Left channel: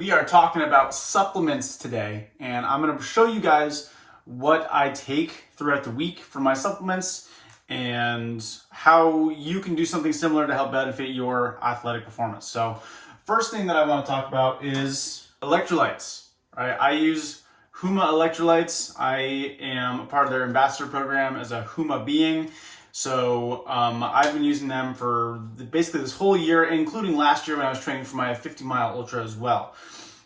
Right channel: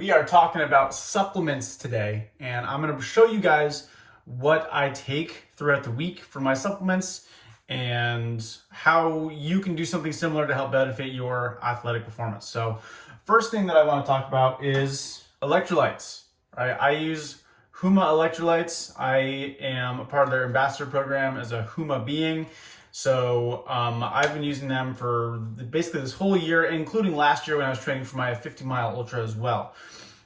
We are talking about supplements today, and I'm going to show you guys what I take throughout the week for my supplements and how you can do something similar to help benefit your athletic performance. So first thing that I want to talk about is electrolytes. Right? I use Huma Electrolytes. I am a part of their ambassador program as a Huma being. So I've been using them for basically this whole year, including last year when I was training for my 50-mile ultra as well.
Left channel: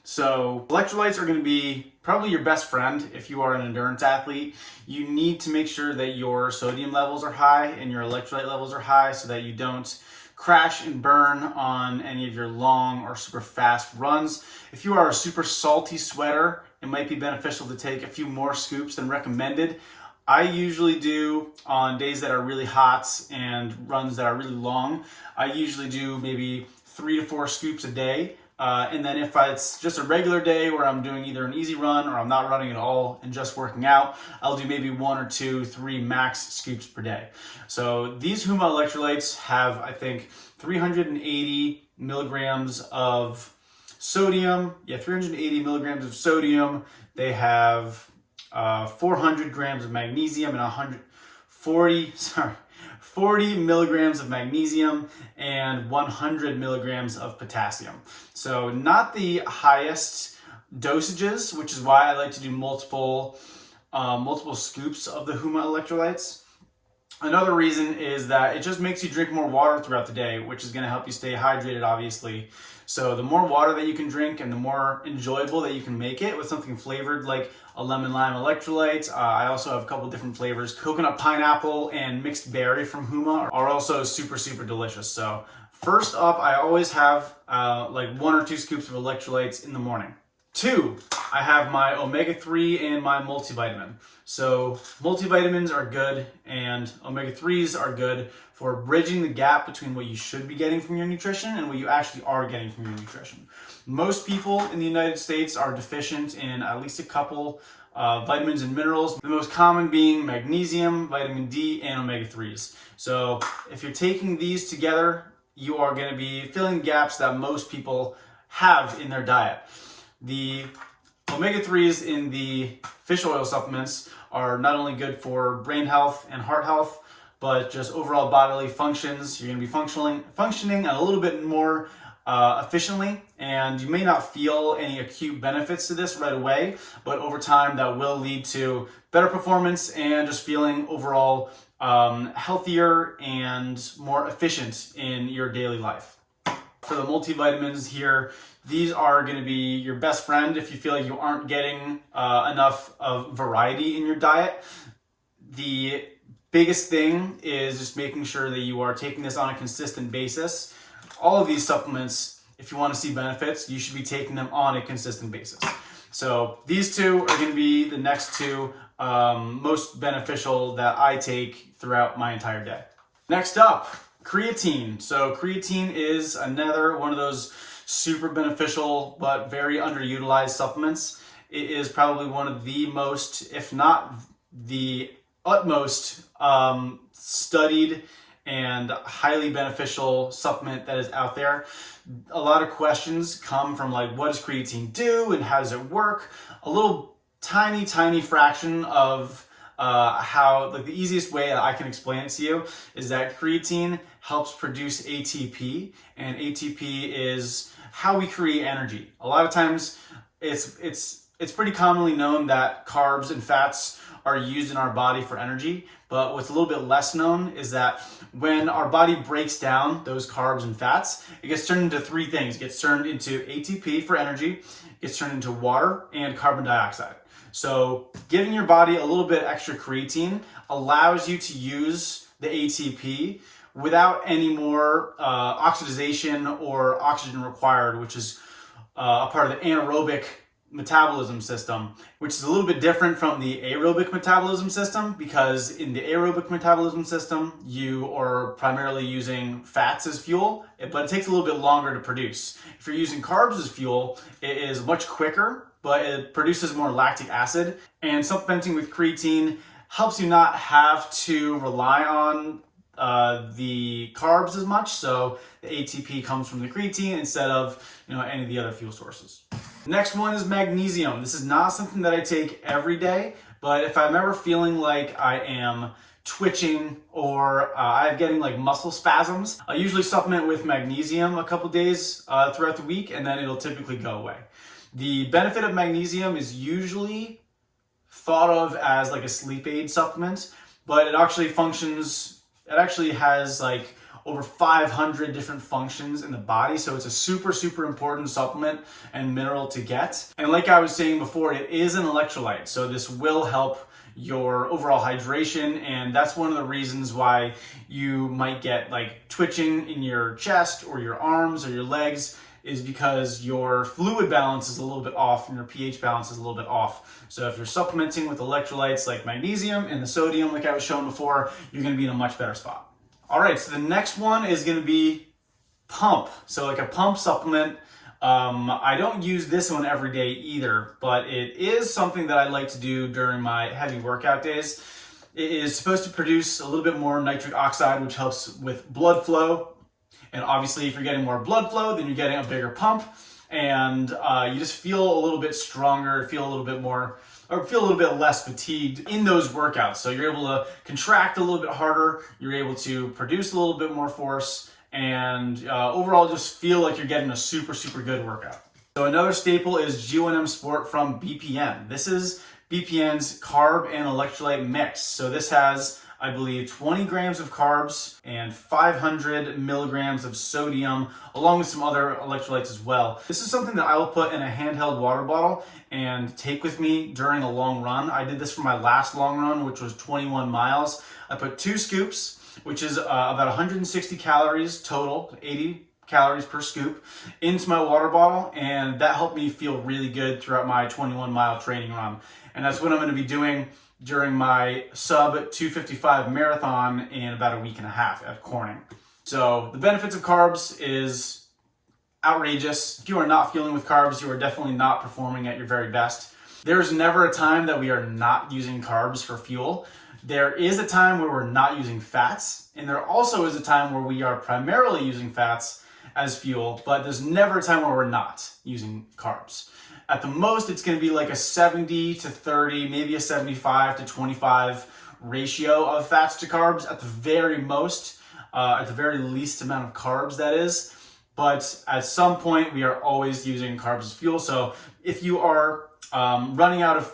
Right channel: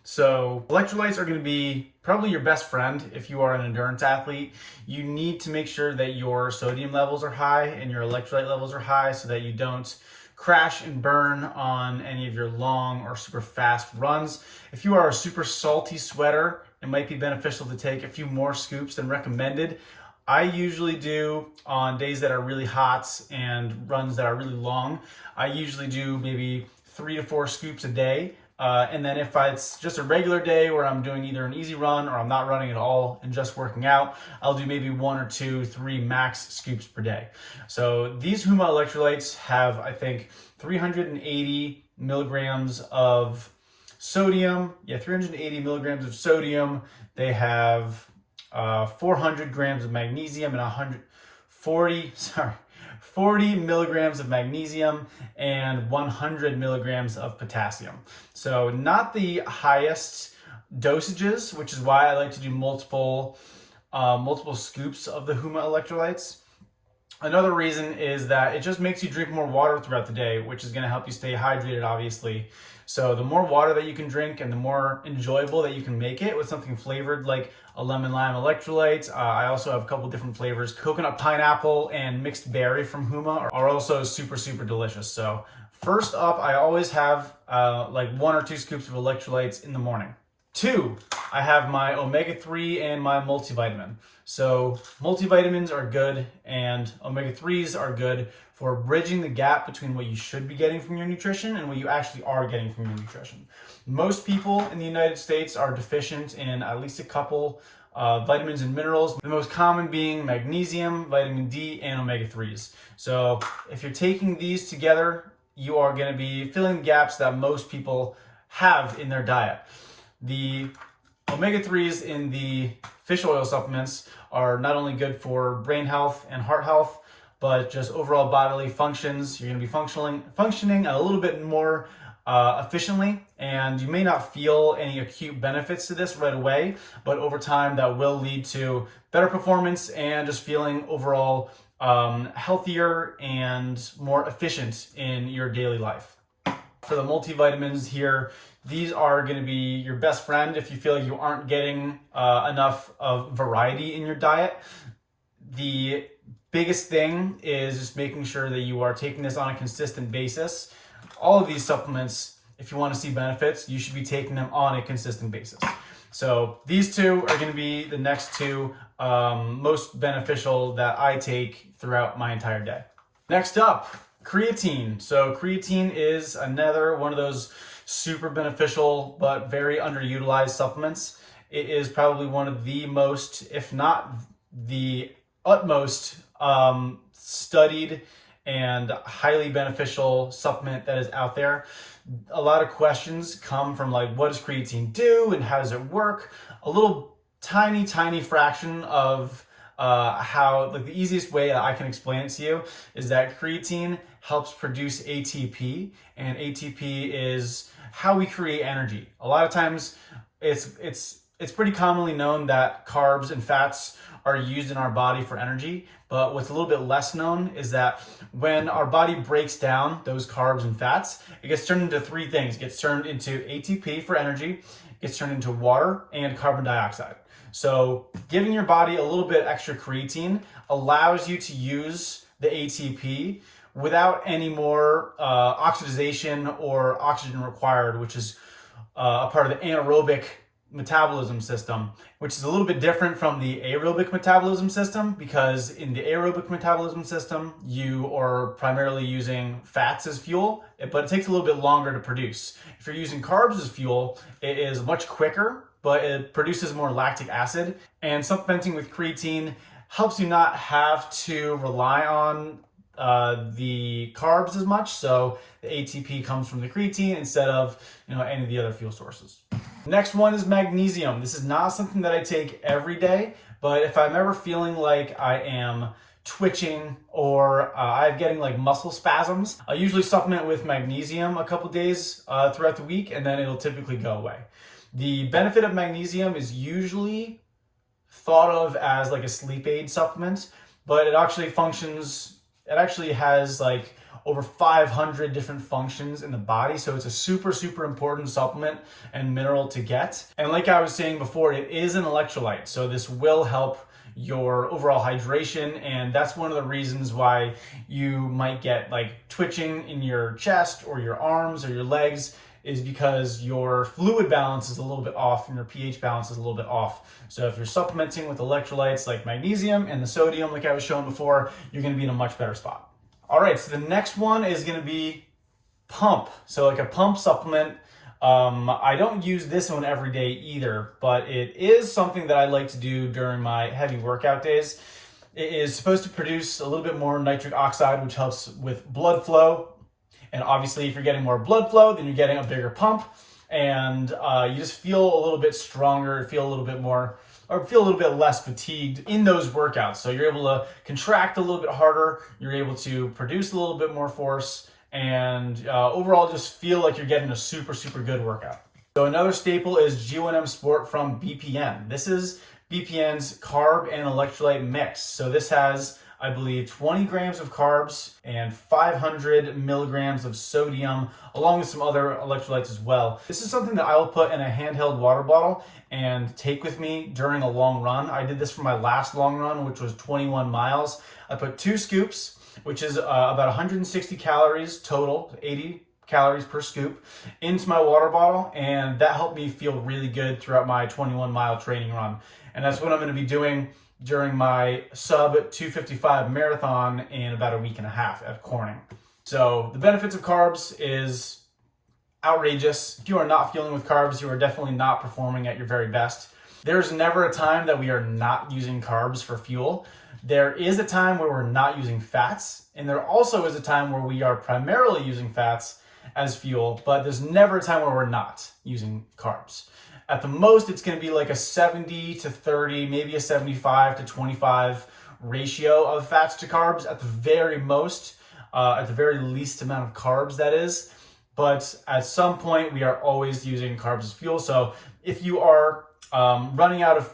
So electrolytes are going to be probably your best friend if you are an endurance athlete. You need to make sure that your sodium levels are high and your electrolyte levels are high so that you don't crash and burn on any of your long or super fast runs. If you are a super salty sweater, it might be beneficial to take a few more scoops than recommended. I usually do on days that are really hot and runs that are really long. I usually do maybe 3 to 4 scoops a day. And then if it's just a regular day where I'm doing either an easy run or I'm not running at all and just working out, I'll do maybe 1 or 2, 3 max scoops per day. So these Huma electrolytes have, I think, 380 milligrams of sodium. Yeah, 380 milligrams of sodium. They have 400 grams of magnesium and 40 milligrams of magnesium and 100 milligrams of potassium. So not the highest dosages, which is why I like to do multiple scoops of the Huma electrolytes. Another reason is that it just makes you drink more water throughout the day, which is going to help you stay hydrated, obviously. So the more water that you can drink and the more enjoyable that you can make it with something flavored like a lemon lime electrolyte. I also have a couple different flavors. Coconut pineapple and mixed berry from Huma are also super delicious. So first up, I always have like 1 or 2 scoops of electrolytes in the morning. 2, I have my Omega3 and my multivitamin. So multivitamins are good and Omega3s are good for bridging the gap between what you should be getting from your nutrition and what you actually are getting from your nutrition. Most people in the United States are deficient in at least a couple vitamins and minerals, the most common being magnesium, vitamin D, and Omega3s. So if you're taking these together, you are going to be filling gaps that most people have in their diet. The Omega3s in the fish oil supplements are not only good for brain health and heart health, but just overall bodily functions. You're going to be functioning a little bit more efficiently, and you may not feel any acute benefits to this right away, but over time that will lead to better performance and just feeling overall healthier and more efficient in your daily life. For the multivitamins here, these are going to be your best friend if you feel like you aren't getting enough of variety in your diet. The biggest thing is just making sure that you are taking this on a consistent basis. All of these supplements, if you want to see benefits, you should be taking them on a consistent basis. So these 2 are going to be the next 2 most beneficial that I take throughout my entire day. Next up, creatine. So creatine is another one of those super beneficial but very underutilized supplements. It is probably one of the most, if not the utmost studied and highly beneficial supplement that is out there. A lot of questions come from like, what does creatine do and how does it work? A little tiny fraction of how, like the easiest way that I can explain it to you is that creatine helps produce ATP, and ATP is how we create energy. A lot of times it's pretty commonly known that carbs and fats are used in our body for energy, but what's a little bit less known is that when our body breaks down those carbs and fats, it gets turned into 3 things. It gets turned into ATP for energy, it gets turned into water, and carbon dioxide. So giving your body a little bit extra creatine allows you to use the ATP without any more oxidation or oxygen required, which is a part of the anaerobic metabolism system, which is a little bit different from the aerobic metabolism system, because in the aerobic metabolism system, you are primarily using fats as fuel, but it takes a little bit longer to produce. If you're using carbs as fuel, it is much quicker, but it produces more lactic acid. And supplementing with creatine helps you not have to rely on the carbs as much. So the ATP comes from the creatine instead of any of the other fuel sources. Next one is magnesium. This is not something that I take every day, but if I'm ever feeling like I am twitching or I'm getting like muscle spasms, I usually supplement with magnesium a couple days throughout the week, and then it'll typically go away. The benefit of magnesium is usually thought of as like a sleep aid supplement, but it actually functions, it actually has like over 500 different functions in the body. So it's a super, super important supplement and mineral to get. And like I was saying before, it is an electrolyte. So this will help your overall hydration. And that's one of the reasons why you might get like twitching in your chest or your arms or your legs, is because your fluid balance is a little bit off and your pH balance is a little bit off. So if you're supplementing with electrolytes like magnesium and the sodium, like I was showing before, you're gonna be in a much better spot. All right, so the next one is gonna be pump. So like a pump supplement. I don't use this one every day either, but it is something that I like to do during my heavy workout days. It is supposed to produce a little bit more nitric oxide, which helps with blood flow. And obviously, if you're getting more blood flow, then you're getting a bigger pump, and you just feel a little bit stronger, feel a little bit more, or feel a little bit less fatigued in those workouts. So you're able to contract a little bit harder, you're able to produce a little bit more force, and overall just feel like you're getting a super, super good workout. So another staple is G1M Sport from BPN. This is BPN's carb and electrolyte mix. So this has, I believe, 20 grams of carbs and 500 milligrams of sodium, along with some other electrolytes as well. This is something that I will put in a handheld water bottle and take with me during a long run. I did this for my last long run, which was 21 miles. I put 2 scoops, which is about 160 calories total, 80 calories per scoop, into my water bottle, and that helped me feel really good throughout my 21-mile training run. And that's what I'm going to be doing during my sub 255 marathon in about a week and a half at Corning. So the benefits of carbs is outrageous. If you are not fueling with carbs, you are definitely not performing at your very best. There's never a time that we are not using carbs for fuel. There is a time where we're not using fats, and there also is a time where we are primarily using fats as fuel, but there's never a time where we're not using carbs. At the most, it's going to be like a 70 to 30, maybe a 75 to 25 ratio of fats to carbs at the very most, at the very least amount of carbs, that is. But at some point, we are always using carbs as fuel. So if you are running out of,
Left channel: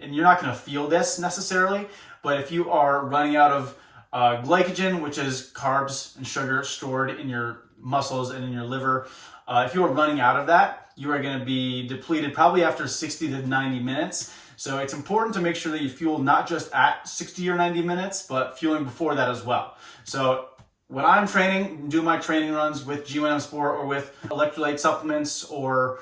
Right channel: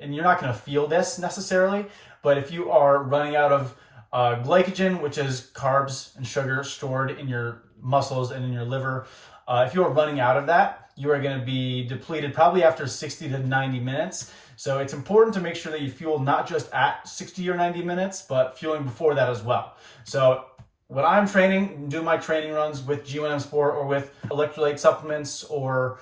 and you're not going to feel this necessarily, but if you are running out of glycogen, which is carbs and sugar stored in your muscles and in your liver, if you are running out of that, you are going to be depleted probably after 60 to 90 minutes. So it's important to make sure that you fuel not just at 60 or 90 minutes, but fueling before that as well. So when I'm training, doing my training runs with G1M Sport or with electrolyte supplements or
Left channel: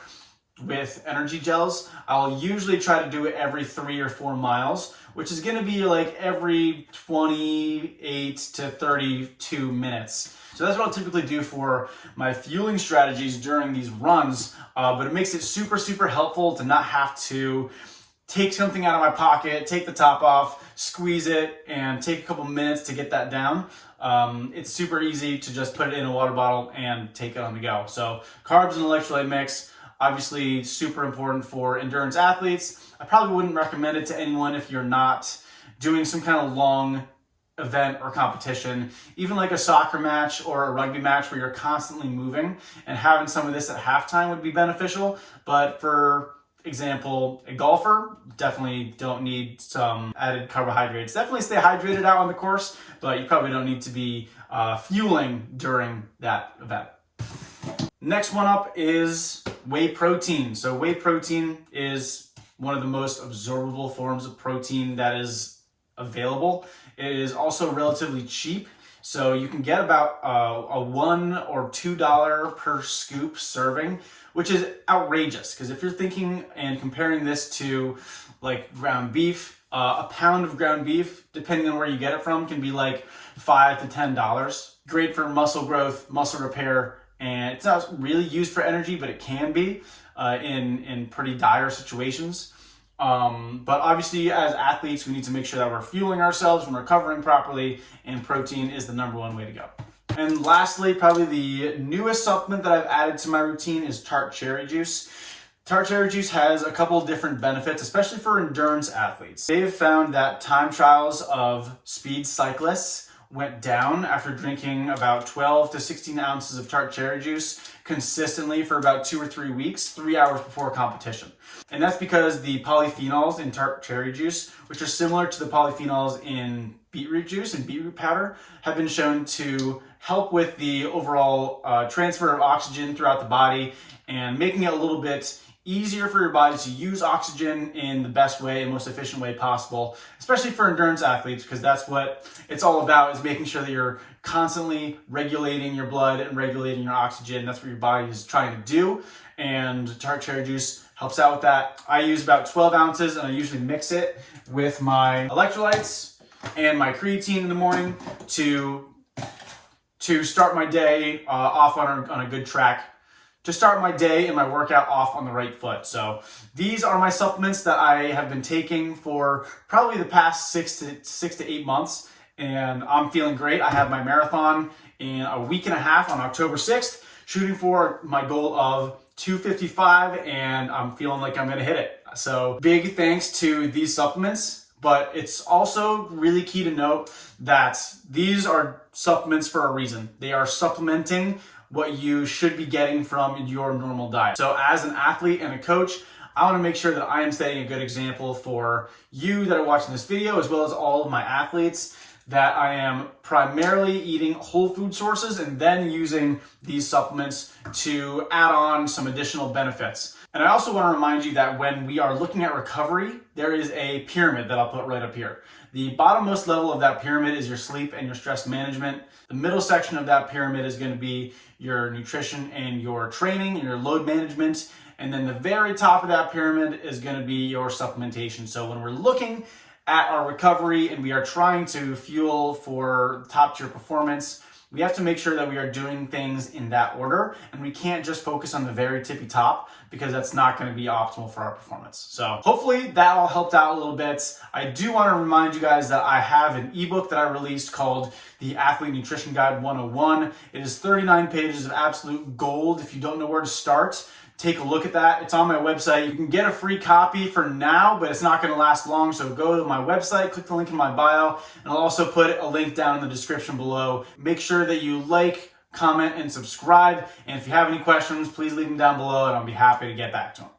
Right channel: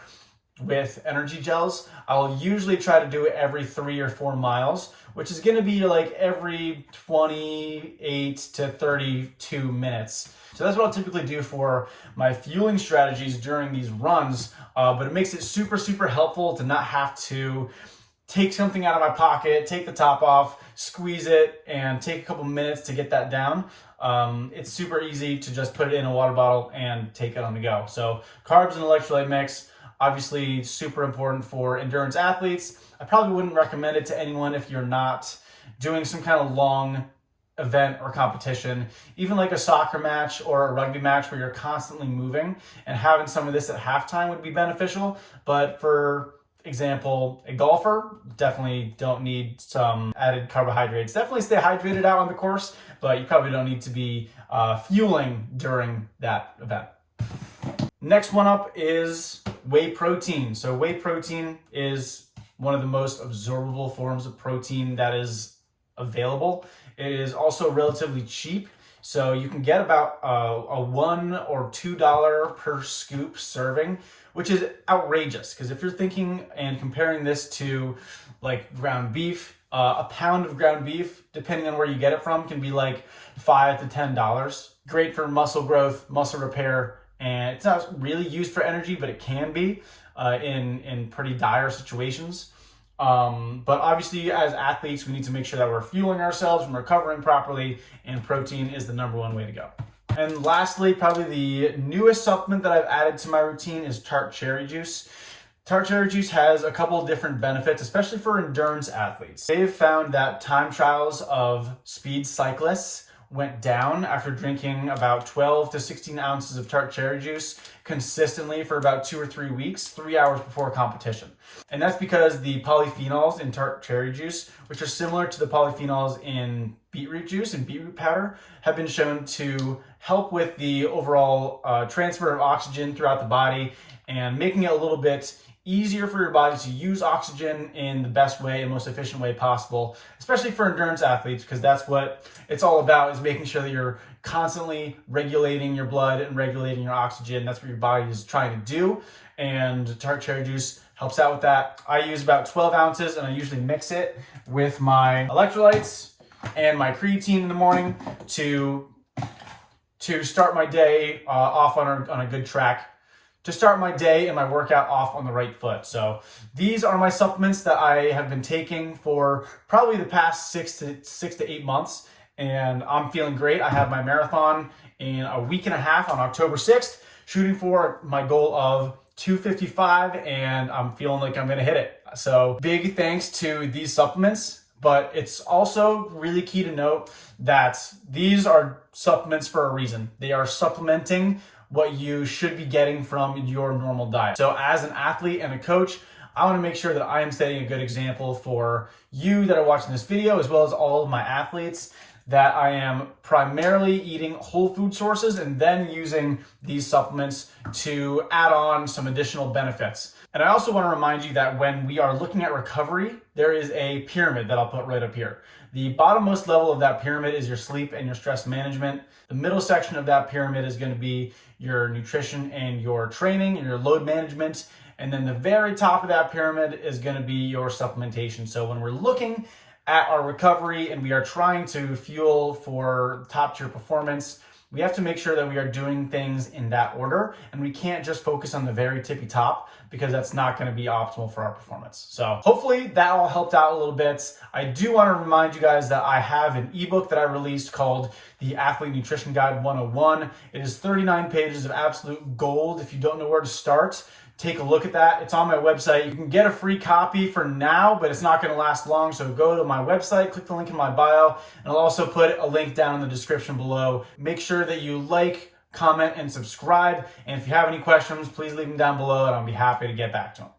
with energy gels, I'll usually try to do it every 3 or 4 miles, which is going to be like every 28 to 32 minutes. So that's what I'll typically do for my fueling strategies during these runs, but it makes it super, super helpful to not have to take something out of my pocket, take the top off, squeeze it, and take a couple minutes to get that down. It's super easy to just put it in a water bottle and take it on the go. So carbs and electrolyte mix, obviously super important for endurance athletes. I probably wouldn't recommend it to anyone if you're not doing some kind of long event or competition, even like a soccer match or a rugby match where you're constantly moving, and having some of this at halftime would be beneficial. But for example, a golfer, definitely don't need some added carbohydrates. Definitely stay hydrated out on the course, but you probably don't need to be fueling during that event. Next one up is whey protein. So whey protein is one of the most absorbable forms of protein that is available. It is also relatively cheap. So you can get about a $1 or $2 per scoop serving, which is outrageous. Because if you're thinking and comparing this to like ground beef, a pound of ground beef, depending on where you get it from, can be like $5 to $10. Great for muscle growth, muscle repair, and it's not really used for energy, but it can be in pretty dire situations. But obviously, as athletes, we need to make sure that we're fueling ourselves and recovering properly, and protein is the #1 way to go. And lastly, probably the newest supplement that I've added to my routine is tart cherry juice. Tart cherry juice has a couple different benefits, especially for endurance athletes. They've found that time trials of speed cyclists went down after drinking about 12 to 16 ounces of tart cherry juice consistently for about 2 or 3 weeks, 3 hours before competition. And that's because the polyphenols in tart cherry juice, which are similar to the polyphenols in beetroot juice and beetroot powder, have been shown to help with the overall transfer of oxygen throughout the body and making it a little bit easier for your body to use oxygen in the best way and most efficient way possible, especially for endurance athletes, because that's what it's all about, is making sure that you're constantly regulating your blood and regulating your oxygen. That's what your body is trying to do, and tart cherry juice helps out with that. I use about 12 ounces, and I usually mix it with my electrolytes and my creatine in the morning to start my day off on a good track, to start my day and my workout off on the right foot. So these are my supplements that I have been taking for probably the past 6 to 8 months, and I'm feeling great. I have my marathon in a week and a half on October 6th, shooting for my goal of 255, and I'm feeling like I'm gonna hit it. So big thanks to these supplements, but it's also really key to note that these are supplements for a reason. They are supplementing what you should be getting from your normal diet. So as an athlete and a coach, I want to make sure that I am setting a good example for you that are watching this video, as well as all of my athletes, that I am primarily eating whole food sources and then using these supplements to add on some additional benefits. And I also want to remind you that when we are looking at recovery, there is a pyramid that I'll put right up here. The bottommost level of that pyramid is your sleep and your stress management. The middle section of that pyramid is going to be your nutrition and your training and your load management. And then the very top of that pyramid is going to be your supplementation. So when we're looking at our recovery and we are trying to fuel for top tier performance, we have to make sure that we are doing things in that order, and we can't just focus on the very tippy top, because that's not going to be optimal for our performance. So hopefully that all helped out a little bit. I do want to remind you guys that I have an ebook that I released called The Athlete Nutrition Guide 101. It is 39 pages of absolute gold. If you don't know where to start, take a look at that. It's on my website. You can get a free copy for now, but it's not going to last long. So go to my website, click the link in my bio, and I'll also put a link down in the description below. Make sure that you like, comment, and subscribe. And if you have any questions, please leave them down below, and I'll be happy to get back to them.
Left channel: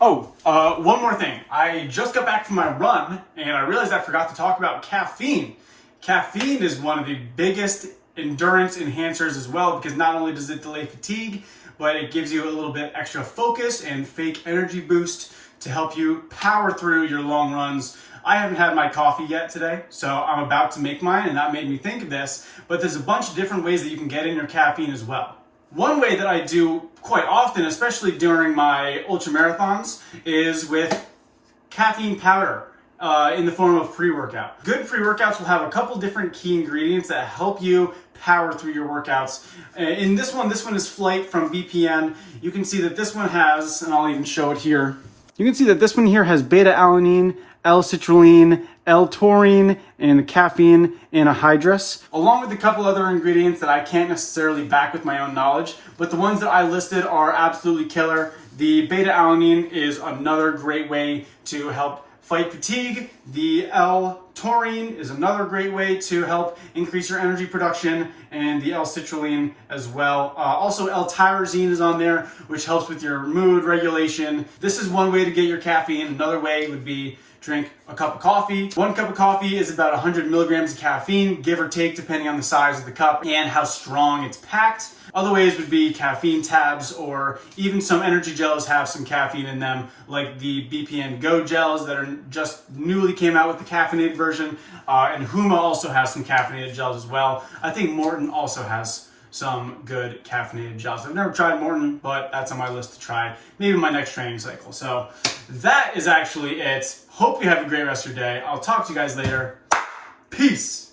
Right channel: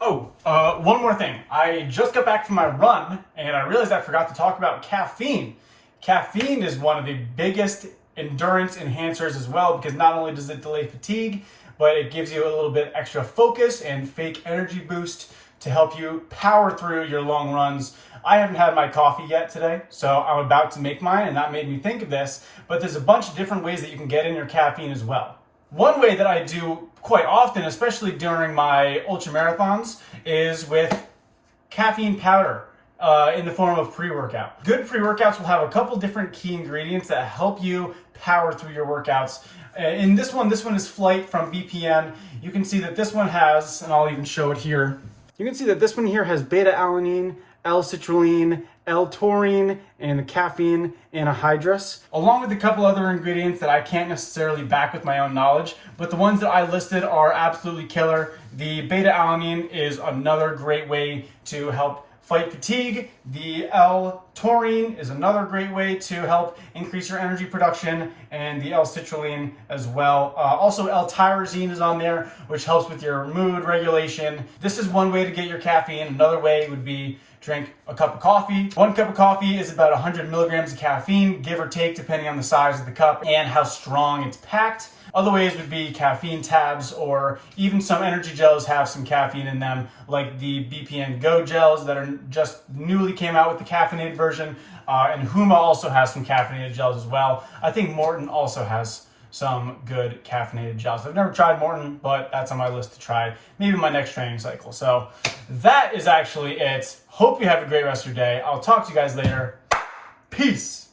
Oh, one more thing. I just got back from my run, and I realized I forgot to talk about caffeine. Caffeine is one of the biggest endurance enhancers as well, because not only does it delay fatigue, but it gives you a little bit extra focus and fake energy boost to help you power through your long runs. I haven't had my coffee yet today, so I'm about to make mine, and that made me think of this, but there's a bunch of different ways that you can get in your caffeine as well. One way that I do quite often, especially during my ultra marathons, is with caffeine powder in the form of pre-workout. Good pre-workouts will have a couple different key ingredients that help you power through your workouts. In this one is Flight from BPN. You can see that this one has, and I'll even show it here, you can see that this one here has beta-alanine, L-citrulline, L-taurine, and caffeine anhydrous, along with a couple other ingredients that I can't necessarily back with my own knowledge, but the ones that I listed are absolutely killer. The beta-alanine is another great way to help fight fatigue. The L-taurine is another great way to help increase your energy production, and the L-citrulline as well. Also, L-tyrosine is on there, which helps with your mood regulation. This is one way to get your caffeine. Another way would be drink a cup of coffee. 1 cup of coffee is about 100 milligrams of caffeine, give or take, depending on the size of the cup and how strong it's packed. Other ways would be caffeine tabs, or even some energy gels have some caffeine in them, like the BPN Go gels that are just newly came out with the caffeinated version. And Huma also has some caffeinated gels as well. I think Morton also has some good caffeinated gels. I've never tried Morton, but that's on my list to try, maybe my next training cycle. So that is actually it. Hope you have a great rest of your day. I'll talk to you guys later. Peace.